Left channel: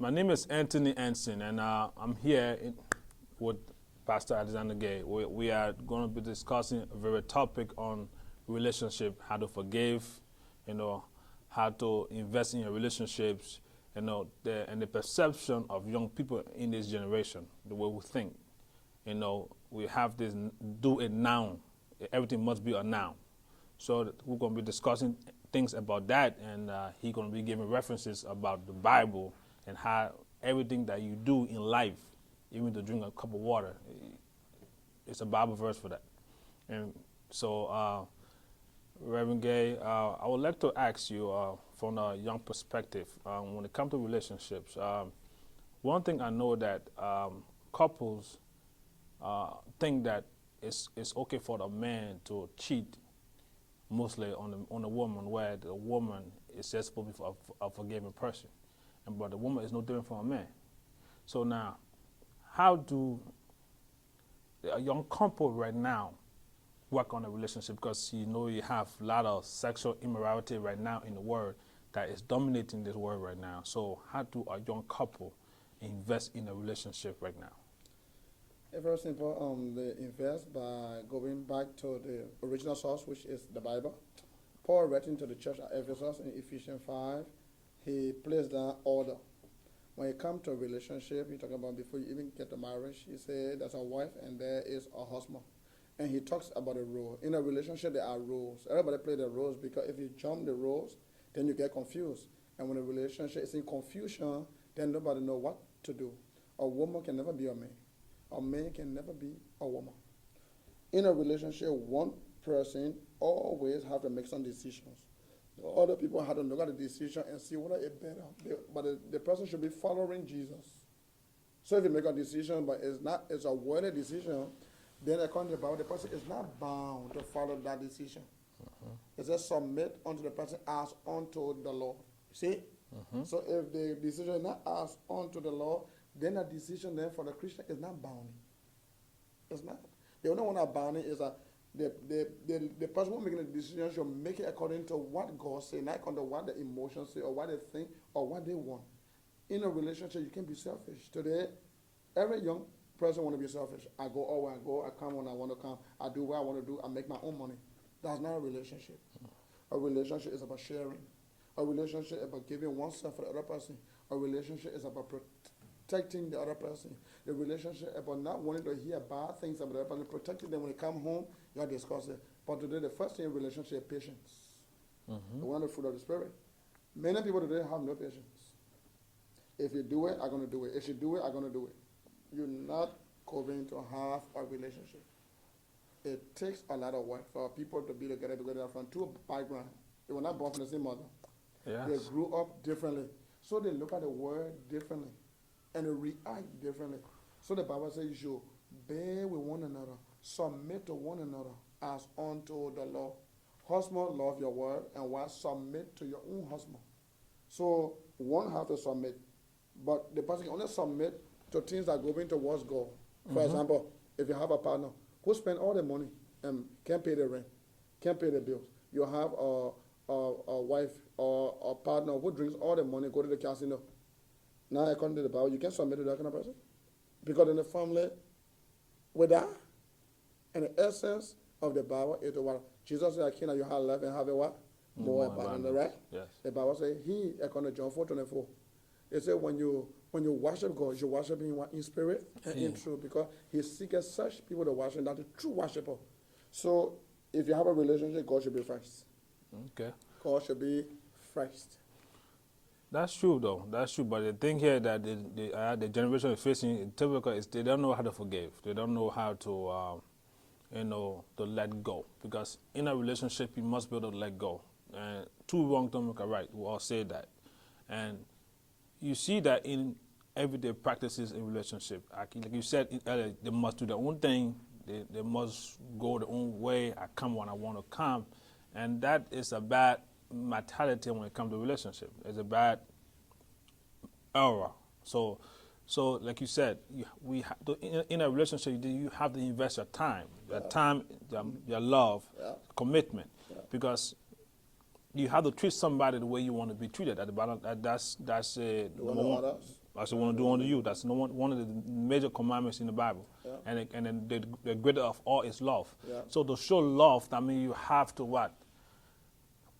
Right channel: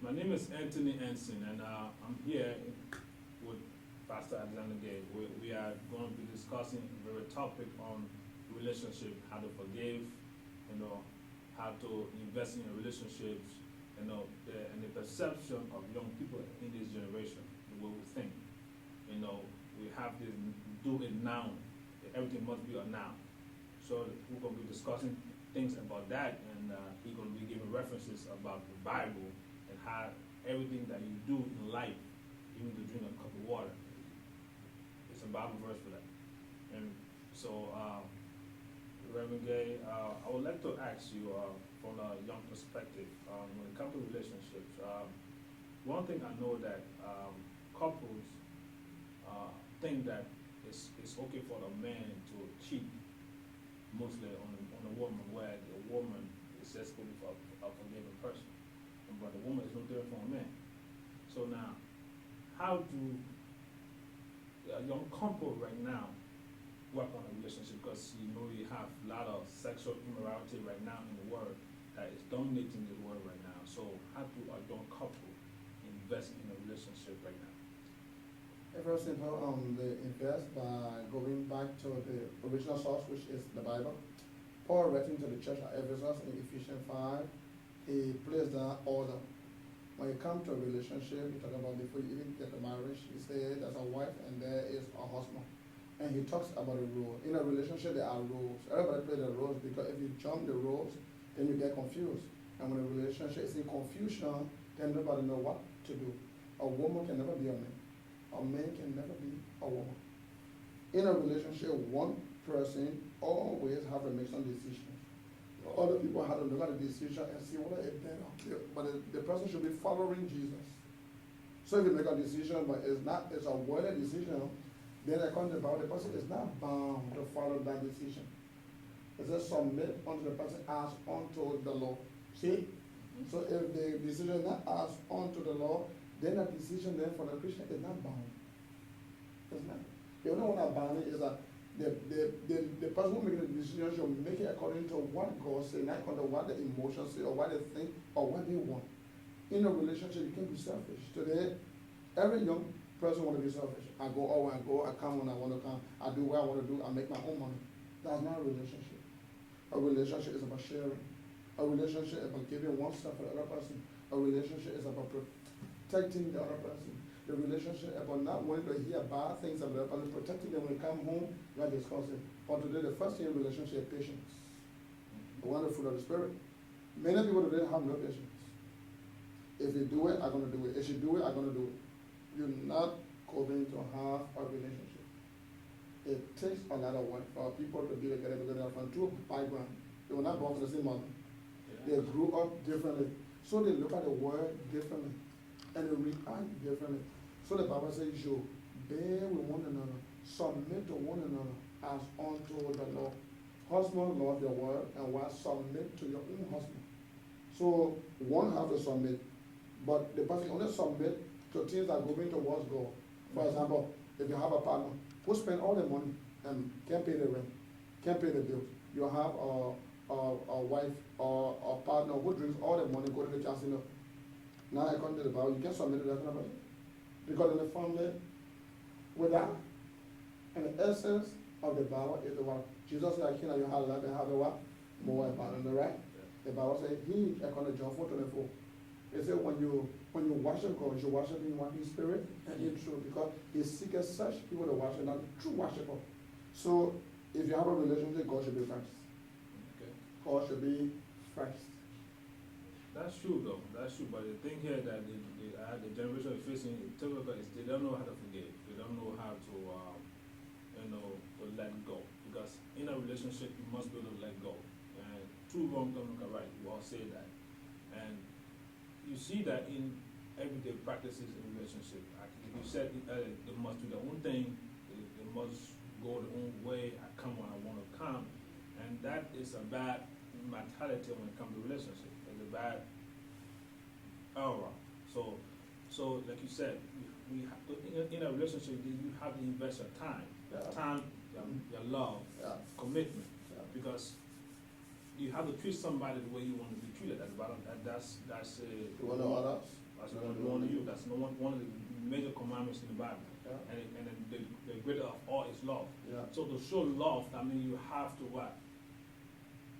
My name is Anson, and I'm here with Pastor Alexander Gaye. We are going to be discussing a very topic on relationship, how to forgive, how to invest in your relationships, and the perception of young people in this generation, the way we think. We have this do it now. Everything must be a now. So we're going to be discussing things about that, and he's going to be giving references about the Bible and how everything that you do in life, even to drink a cup of water, it's a Bible verse for that. And so, Reverend Gaye, I would like to ask you from a young perspective, when it comes to relationships, one thing I know that couples think that it's okay for the man to cheat mostly on the woman, where the woman is just supposed to be a forgiving person, but the woman is no different from a man. So now, how do a young couple right now work on a relationship? Because you have a lot of sexual immorality right now in the world that is dominating this world right now. So how do a young couple invest in a relationship right now? First of all, they invest by going back to the original source, which is the Bible. Paul writing to the church at Ephesus in Ephesians 5, he placed down order. When you come to a relationship, he talking about before you even get to marriage, he said there's a wife and there is a husband. And he talks about the rule. In a relationship, there are rules. Everybody play the rules, because if you jump the rules, then you get confused. And when a relationship is in confusion, then nobody know what to do. A woman can never be a man. A man can never be a woman. In a relationship, one person always have to make some decisions. Other people have to look at the decision and see whether it's better. But the person should be following Jesus. So if you make a decision, but it's a worded decision, then according to the Bible, the person is not bound to follow that decision. It says submit unto the person as unto the law. See? So if the decision is not as unto the law, then a decision then for the Christian is not bound. It's not. The only one that bound is that the person who making the decision should make it according to what God says, not under what the emotions say or what they think or what they want. In a relationship, you can be selfish. Today, every young person want to be selfish. I go, I come when I want to come, I do what I want to do, I make my own money. That's not a relationship. A relationship is about sharing. A relationship is about giving oneself for the other person. A relationship is about protecting the other person. The relationship about not wanting to hear bad things about the other person, protecting them when they come home, you are discussing. But today, the first thing in relationship is patience. One of the fruit of the Spirit. Many people today have no patience. If you do it, I'm going to do it. If you do it, I'm going to do it. You're not going to have a relationship. It takes a lot of work for people to be together from two backgrounds. They were not born from the same mother. Yes. They grew up differently. So they look at the world differently. And they react differently. So the Bible says, you bear with one another, submit to one another as unto the Lord. Husband, love your word, and wife, submit to your own husband. So one have to submit, but the person only submit to things that go into what's God. For example, if you have a partner who spend all the money and can't pay the rent, can't pay the bills, you have a wife or a partner who drinks all the money, go to the casino. Now, according to the Bible, you can submit to that kind of person. Because in the family, with that, and the essence of the Bible is the what? Jesus said, "Can you have life and have a what? More abundant," right? Yes. The Bible says, he, according to John 4:24, it said, when you worship God, you should worship him in spirit and in truth, because he seeks such people to worship, not the true worshiper. So, if you have a relationship, God should be first. Okay. God should be first. That's true, though. That's true. But the thing here that the generation is facing, typical, is they don't know how to forgive. They don't know how to, to let go. Because in a relationship, you must be able to let go. And two wrongs don't make a right. We all say that. And you see that in everyday practices in relationship. Like you said, they must do their own thing. They must go their own way. I come when I want to come. And that is a bad mentality when it comes to relationship. It's a bad error. So like you said, in a relationship, you have to invest your time, your love, commitment, because you have to treat somebody the way you want to be treated. At the bottom, that's number one. That's what I want to do unto you. That's one of the major commandments in the Bible. Yeah. And then the greater of all is love. Yeah. So to show love, that means you have to what?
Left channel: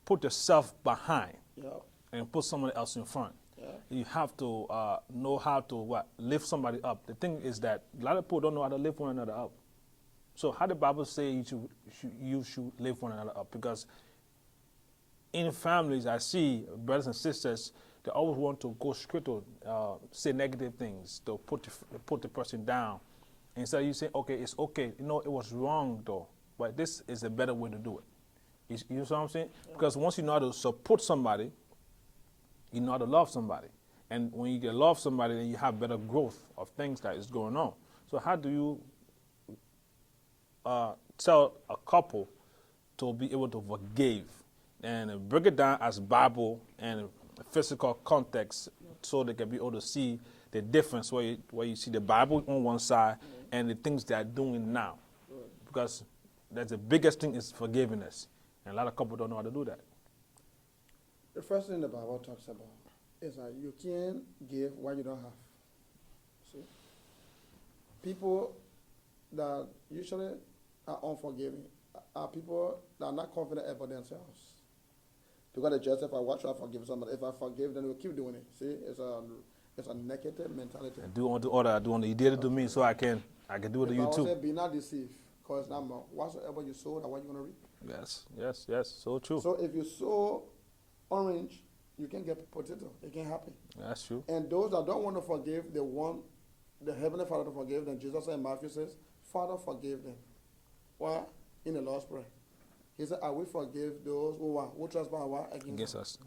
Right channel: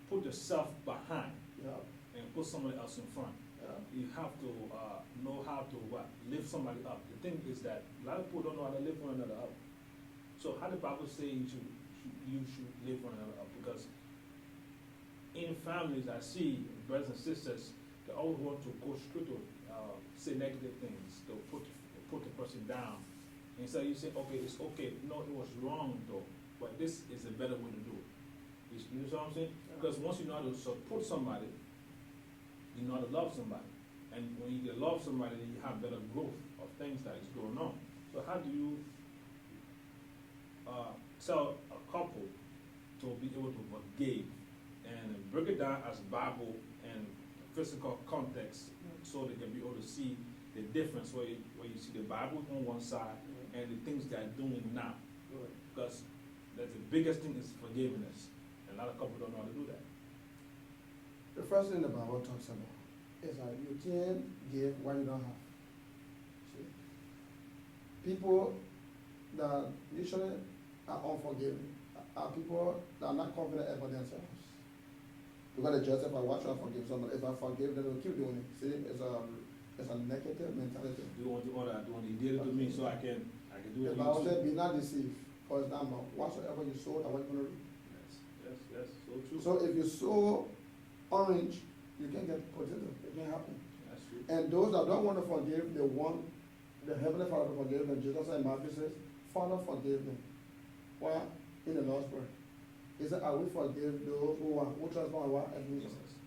Put yourself behind Yeah. and put somebody else in front. Yeah. You have to know how to what? Lift somebody up. The thing is that a lot of people don't know how to lift one another up. So how the Bible say you should lift one another up? Because in families, I see brothers and sisters, they always want to go straight to say negative things, to put the person down. Instead of you saying, okay, it's okay. No, it was wrong though, but this is a better way to do it. You know what I'm saying? Because once you know how to support somebody, you know how to love somebody. And when you can love somebody, then you have better growth of things that is going on. So how do you tell a couple to be able to forgive and break it down as Bible and physical context so they can be able to see the difference where you see the Bible on one side and the things they are doing now? Because that's the biggest thing is forgiveness. And a lot of couples don't know how to do that. The first thing the Bible talks about is that you can't give what you don't have. See? People that usually are unforgiving are people that are not confident about themselves. Because they justify why should I forgive somebody? If I forgive, then they'll keep doing it. See, it's a negative mentality. I do unto others, I do unto you did it to me, so I can do it to you too. Be not deceived, because number whatsoever you sow, that's what you're gonna reap. Yes, so true. So if you sow orange, you can get potato. It can happen. That's true. And those that don't want to forgive, they want the Heavenly Father to forgive them. Jesus said in Matthew says, Father, forgive them. Why? In the Lord's Prayer. He said, I will forgive those who trespass against us.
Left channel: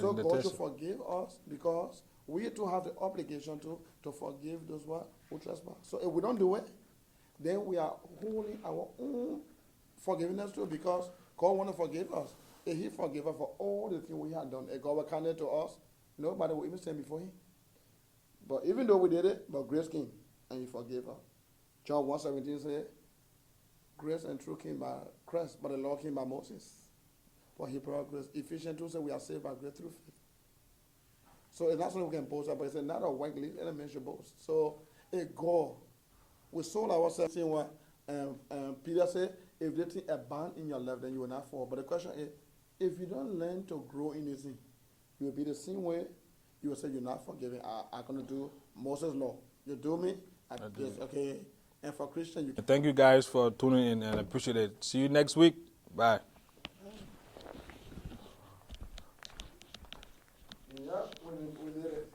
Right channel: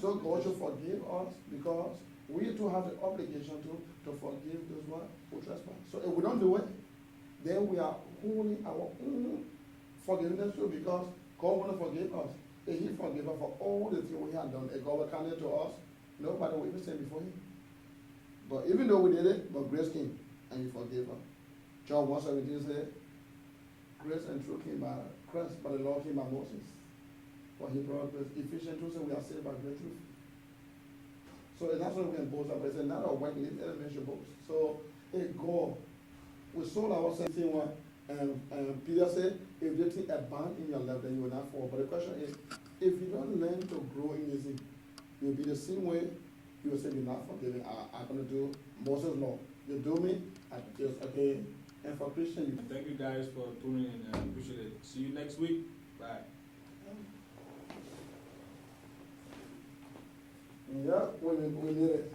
So God should forgive us because we too have the obligation to forgive those who trespass. So if we don't do it, then we are holding our own forgiveness too, because God want to forgive us. If He forgive us for all the things we have done, if God will count it to us, nobody will even stand before Him. But even though we did it, but grace came and He forgave us. John 1:17 said, grace and truth came by Christ, but the law came by Moses. But He brought grace. Ephesians 2 said we are saved by grace through faith. So that's what we can boast about. He said, not a white leaf, let a man should boast. So if God, we sold ourselves, saying what Peter said, if they think abound in your love, then you will not fall. But the question is, if you don't learn to grow in this thing, you will be the same way. You will say you're not forgiving. I'm going to do Moses' law. You do me, okay. And for Christian, you. Thank you guys for tuning in and I appreciate it. See you next week. Bye. Yeah, we did it.